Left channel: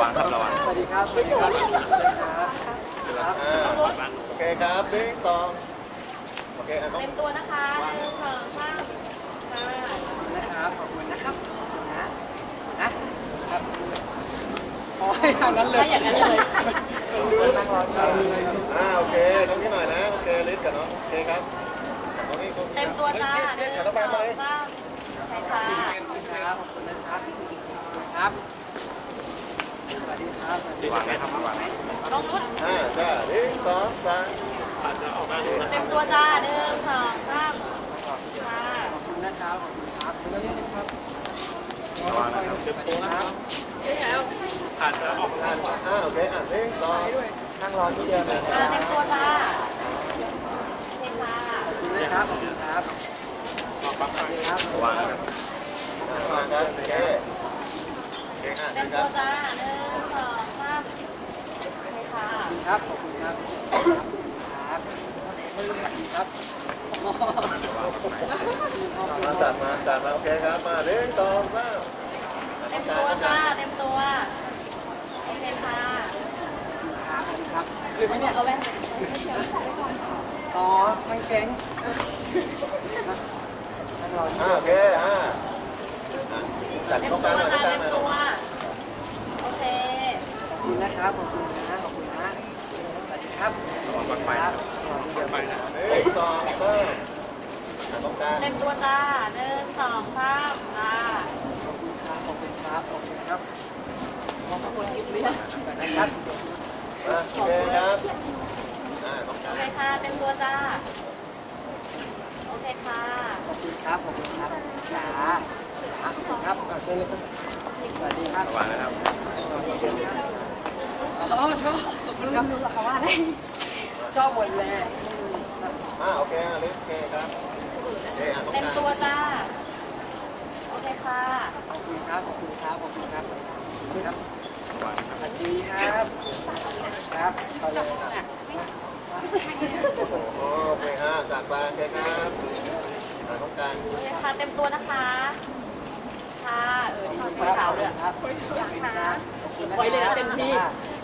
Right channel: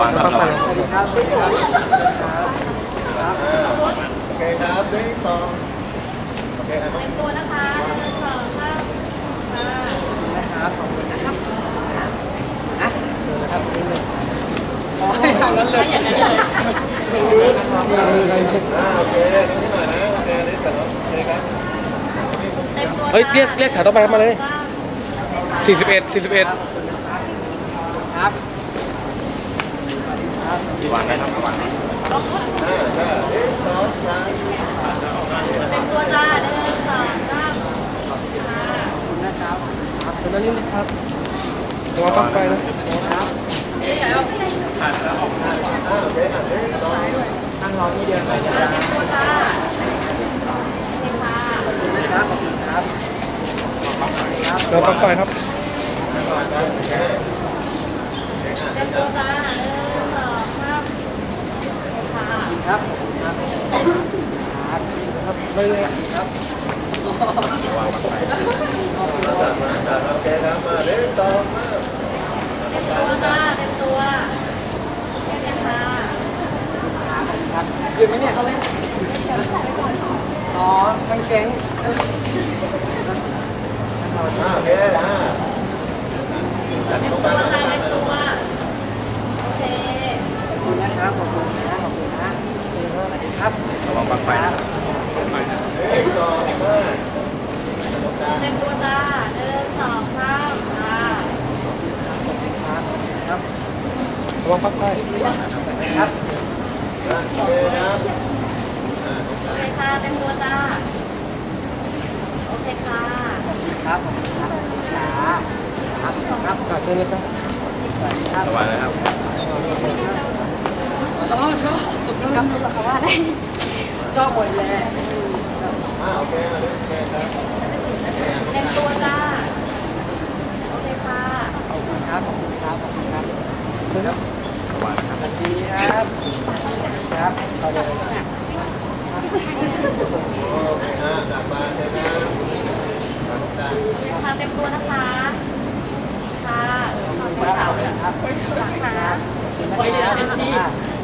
ปักไฟสวัสดีครับ สวัสดีครับเชิญครับครับโอเคครับหนึ่งสองโอเคอะต้องเต็มตัวนะคะหนึ่งสองสามค่ะนะครับ ขอบคุณนะครับนะนะนะครับอ๋อให้ทางนั้นเลยถ้อย่างนั้นเลยรู้อ่าโอเคต้องที่หน่อยนะ โอเคลิสกับน้องโอเคครับเฮ้ยเรียกเรียกแถวต่อไปมาเลย41 41ครับ ครับสวัสดีครับ41ครับต้องรู้อ่าจ้าหนึ่งสองสามเต็มตัวจ้าหนึ่งสองสามค่ะขอบคุณนะครับขอบคุณครับตรงนั้นนี่นะครับระวังปลั๊กไฟนะครับอ่าอ่าโอเคอะหนึ่งสองค่ะเต็มตัวจ้าเต็มค่ะขอบคุณนะครับขอบคุณครับขอบคุณครับระวังปลั๊กไฟครับอ่ามาครับโอเคโอเคอะเต็เชิมตัวจ้าหนึ่งสองสาม ครับขอบคุณครับครับครับครับมาจัดมาจัดมาโอเคครับมาหนึ่งสองสาเต็มตัวจ้าเต็มตัวเต็มค่ะครับยืนไหมเนี่ยเอาไว้อ๋อทั้งแก๊งอ่าโอเคอ่าจัดเต็มตรงกตัลางวหน่อยตรงกลางเต็มตัวโอเคขอบคุณนะครับขอบคุณ ครับขอบคุณครับหนึ่งสองสามจัดตรงกลางเต็มตัวจ้าหนึ่งสองสามค่ะขอบคุณครับขอบคุณครับขอบคุณครับระวังปลั๊กไฟสวัสดีครับอะโอเคครับอ่าตรงกโอลางเคค่ะเต็มตัวจ้าโอเคค่ะขอบคุณครับขอบคุณครับจ๋าจ๋าขอบคุณครับอะเชิญเลยครับสวัสดีครับอ๋อชอบขอบคุณ ครับรู้เขาว่าอะไรชอบหมดเลยอ่าโอเคอะโอเคครับโอเคอะตรงเต็มกลางตัวจ้าโอเคค่ะขอบคุณครับขอบคุณครับขอบคุณครับครับสวัสดีครับครับเขาเลยโอเคฮะจัดไปโอเคครับอ่าตรงกลางโอเคค่ะเต็มตัวนะคะค่ะเออขอบขคุอบณคุณครับเท้าขอบเลยคุณครับขอบคุณนะไว้เลยครันะเป็นที่ส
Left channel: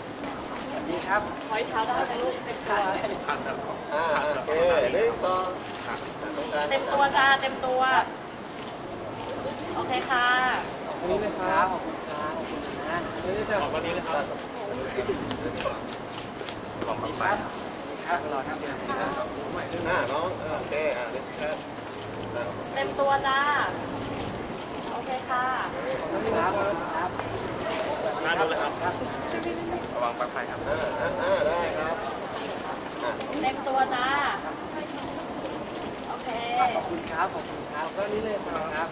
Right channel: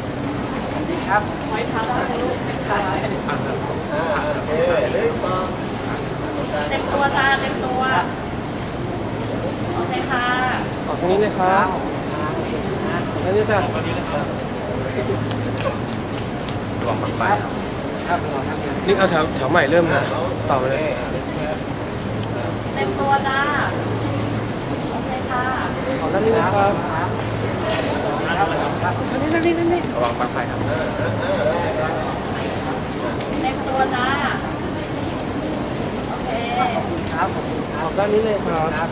วัสดีครับไว้เท้าได้เลยลูกเต็มตัวอ่าโอเคหนึ่งสองอ่าตรงกลางเต็มตัวจ้าเต็มตัว โอเคค่ะออกตรงนี้เลยคครัรับบขอบคุณครับขอบคุณนะตรงนี้จ้ะครับครับขอบคุณครับนี่เอาแถวแถวใหม่เริ่มอ่านะน้องต่อโอไปเคเลยอ่าเลยครับอ่าเต็มตัวจ้า โอเคค่ะขอบคุณครับ ครับครับนี่นี่นี่นี่อ่าอ่าอ่าได้ครับเต็มตัวจ้าโอเคขอบคุณครับขอบคุณครับกด้านนี้เลยครับครับ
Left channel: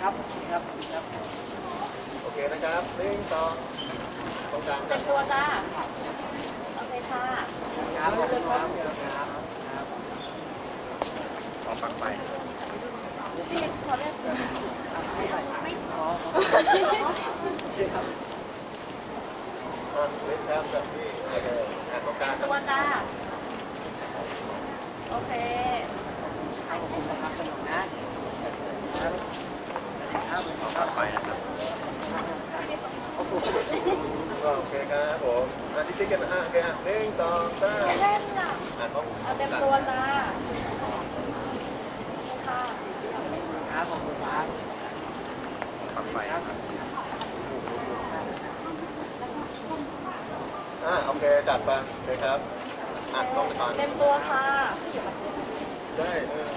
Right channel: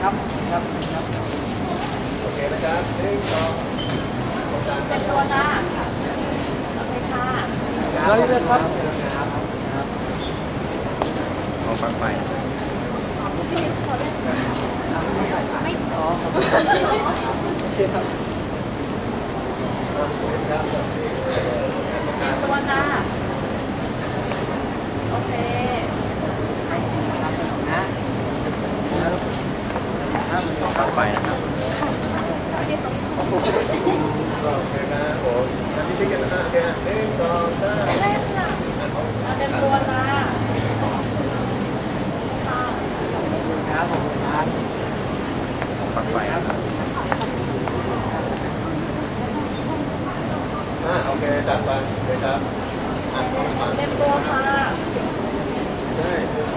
ครับครับครับโอเคนะครับหนึ่งสองเต็รับมตัวจ้าโอเคค่ะครับขอบคุณครับครับครับ พี่ข อเล่นไม่ใส่ไม่อ๋อขอบโอเคครับเล่นครับจับที่โอเคอ่าตรงกลางตัวจ้าโอเคให้คุณนะครับสนุกนะสวัสดีครับสวัสดีครับโอ้โหโอเคครับผมอันที่ติ๊กกันนะอ่าโอเคอะหนึ่งสองสามเล่นน่ะเอาเต็มตัวจ้าค่ะ ขอบคุณครับขอบคุณครับสวัสดีครับสวัสดีครับ อ่าโอ เคจัดไปเลยครับอะต้องฟังเต็มตัวค่ะใช่เออ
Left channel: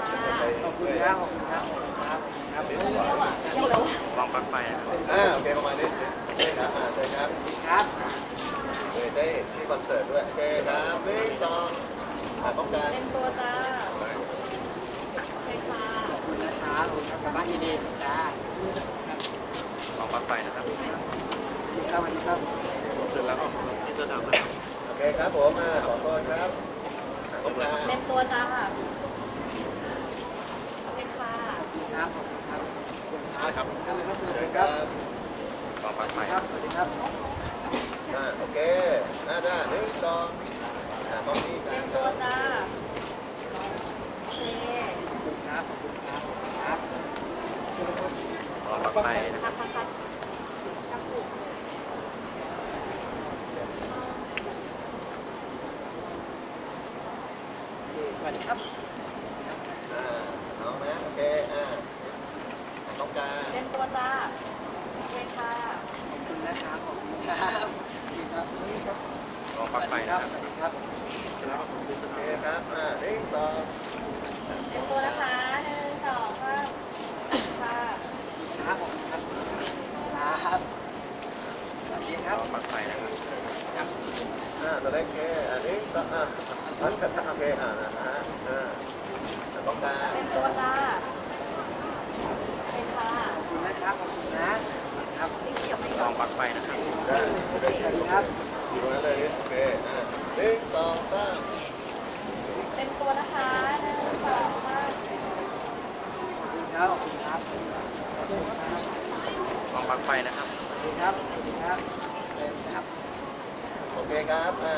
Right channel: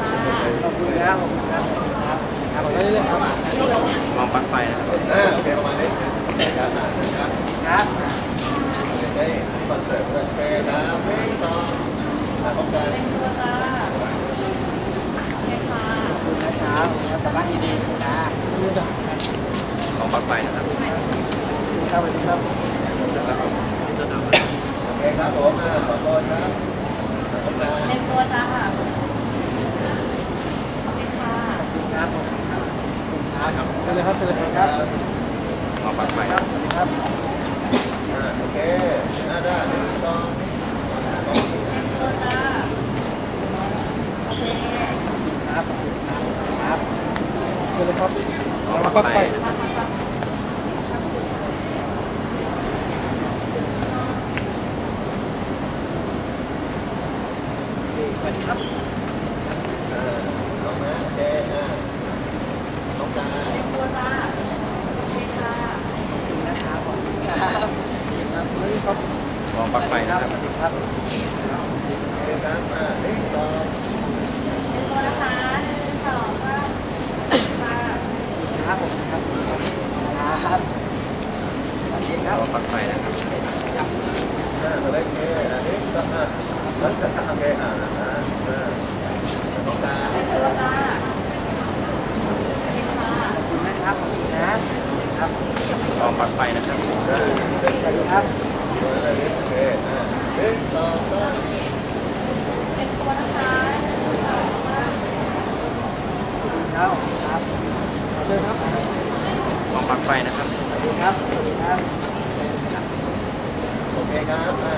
ค่ะขอบคุณครับขอบคุณครับครับครับเดี๋ยวอ่าโอเคประมาณนี้โอเคครับอ่าเลยครับครับได้ที่คอนเสิร์ตด้วยโอเคครับหนึ่งสองอ่าต้องการเต็มตัวจ้าโอเคค่ะขอบคุณนะครับครับกลับบ้านดีๆจ้านี่จ้ะครับสวัสดีครับ โอเคครับผมอ่าขอโทษครับขอ่าต้องการเต็มตัวจ้าโอเคค่ะขอบคุณครับขอบคุณครับขอบคุณครับเชิญเลยครับเชิญเลยครับสวัสดีครับสวัสดีครับโอเคอ่าได้หนึ่งสองอ่าต้องมีอ่เต็มตัวจ้าโอเคขอบคุณครับขอบคุณครับครับเชิญเลยครับขระวังปลั๊กไฟครับครับครับครับคุณ ส วัสดีครับอ่าเอานะโอเคอ่าต้องการเรียมตัวจ้าโอเคค่ะขอบคุณนะครับขอบคุณครับดีครับนี่ครับสวัสดีครับสวัสดีครับโอเคครับอ่าหนึ่งสองเตรียมตัวนะคะหนึ่งสองสามค่ะ ครับผมครับครับ สวัสดีครับครับอ่าตัวเล็กโอเคอ่าหนึ่งสองอ่ามันจะทำเคอ่านะฮะอ่าต้องการตัวจ้าขอบคุณนะครับ ขอบคุณนะครับได้เด็กสวัสดีครับตัวนั้นเลยโอเคอ่าหนึ่งสองสามเตรียมตัวนะคะหนึ่งสองสามขอบคุณครับขอบคุณครับเชิญครับ ไปนะสวัสดีครับ สวัสดีครับเชิญครับโอเคครับอ่า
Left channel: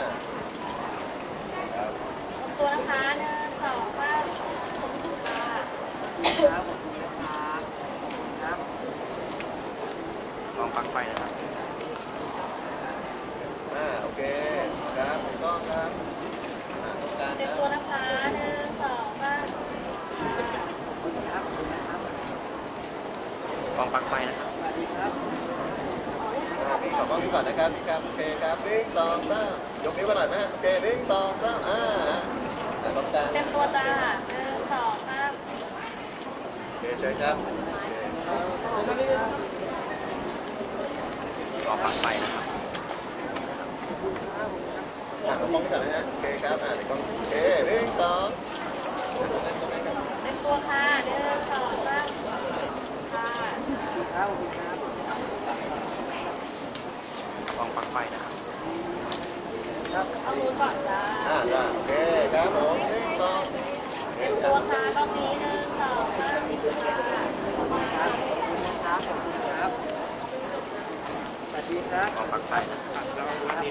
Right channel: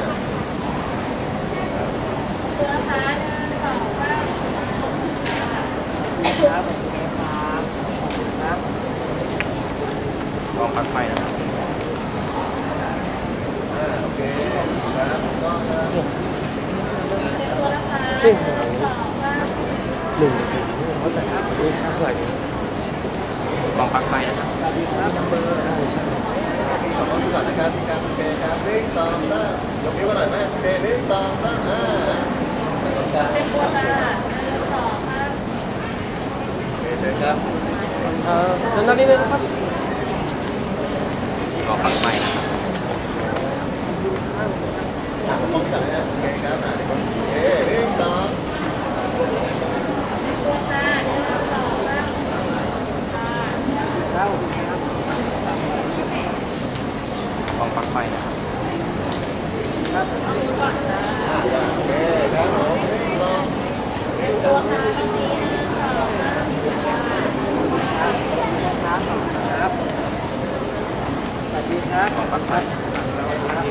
ตัวนะคะหนึ่งสองสามค่ะขอบคุณครับขอบคุณนะครับขอบคุณครับอ่าโอเคครับถูกต้องครับเตรียมตัวนะคะหนึ่งสองสามหนึ่งสี่เขาแต่ครับดูค่าไหลส วัสดีครับอ่าพี่ขอบคุณก่อนนะครับพี่ครับโอเคครับหนึ่งสองสามยกนิ้วกันหน่อยไหมโอเคหนึ่งสองสามอ่าแต่ต้องการเตรียมตัวจ้าหนึ่งสองสามโอเคเชิญครับเอ่อเชิญด้านนี้เลยนะครับอ่าผมมองก่อนนะฮะโอเคครับอ่าเดี๋ยวก็โอเคหนึ่งสอง เตรียมตัวค่ะหนึ่งสองสามค่ะ ครับ ขอบคุณครับ ครับ เอามือก่อนค่ะ อ่าจ้ะโอเคครับผมหนึ่งสองหนึ่งส ตั อ ว ง ค่ะตรงนี้หนึ่งสองสามค่ะ ครับขอบคุณนะครับขอบคุณครับ สวัสดี ครับขอบคุณครับครับ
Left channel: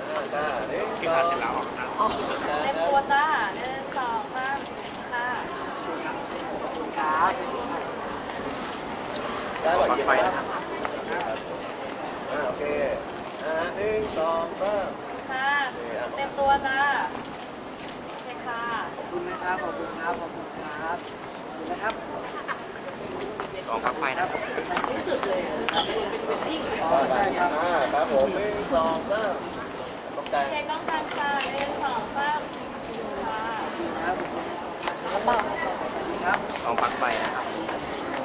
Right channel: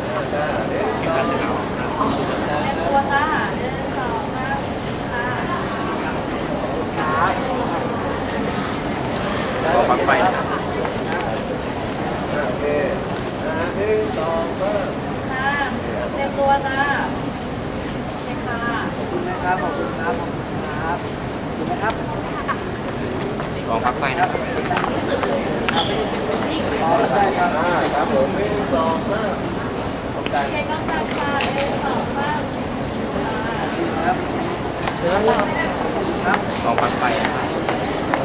อ่าจ้าหนึ่งสอเตรียมตัวจ้าหนึ่งสองค่ะครับได้บอยเยี่ยครับโอเคอ่าฮะหนึ่งสองสามค่ะเตรียมตัวจ้าโอเคค่ะขอบคุณนะครับขอบคุณครับขอบคุณครับขอบคุณนะครับ ขอบคุณครับอ๋อใช่ครับอ่าครับผมหนึ่งสองสามตรงกลางโอเคต้องตามค่ะหนึ่งสองสามค่ะครับเชิญด้านนี้ครับสวัสดีครับ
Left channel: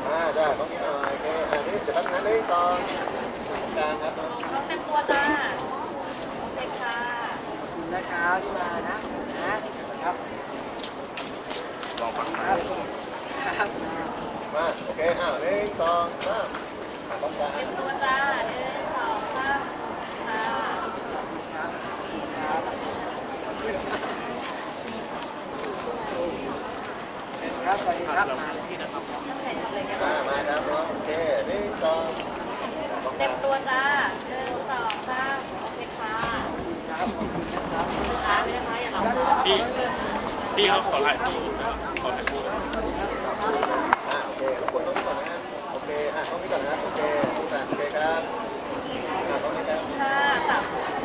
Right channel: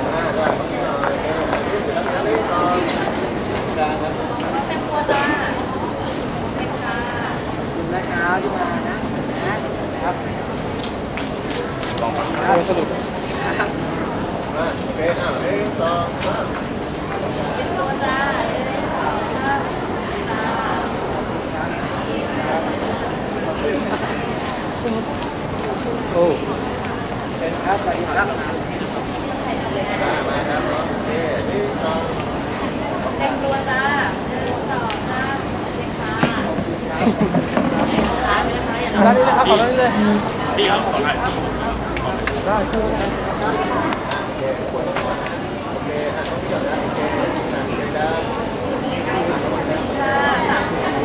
อ่าได้ต้องนี้หน่อยโอเคอ่านี่จะรับนะหนึ่งสองตรงกลางครับต้องเตรียมตัวจ้าโอเคค่ะขอบคุณนะครับที่มานะขอบคุณนะครับคลรับงสรุปครับ มาโอเคอ้าวหนึ่งสองสามอ่าตรงกลางเตรียมตัวจ้าหนึ่งสองสามค่ะครับครับโอ้เป็นครับสวัสดีครับมามาครับน้องโอเคหนึ่งสองเตกรียลามตัวจ้าหนึ่งสองสามโอเคค่ะขอบคุณครับขอบคุณครับร้านไม่ได้คะอย่าด้านนี้เลยครับขอด้านนี้เลยพี่ครับขอถ่ายรูปได้เชิญครับอ่าโอ เคทุกคนต้องก่อนนะโอเคอะต้องนี้ก่อนนะโอเคอ่าโอเคครับอ่าต้องนี้ครับค่ะสามต้องก็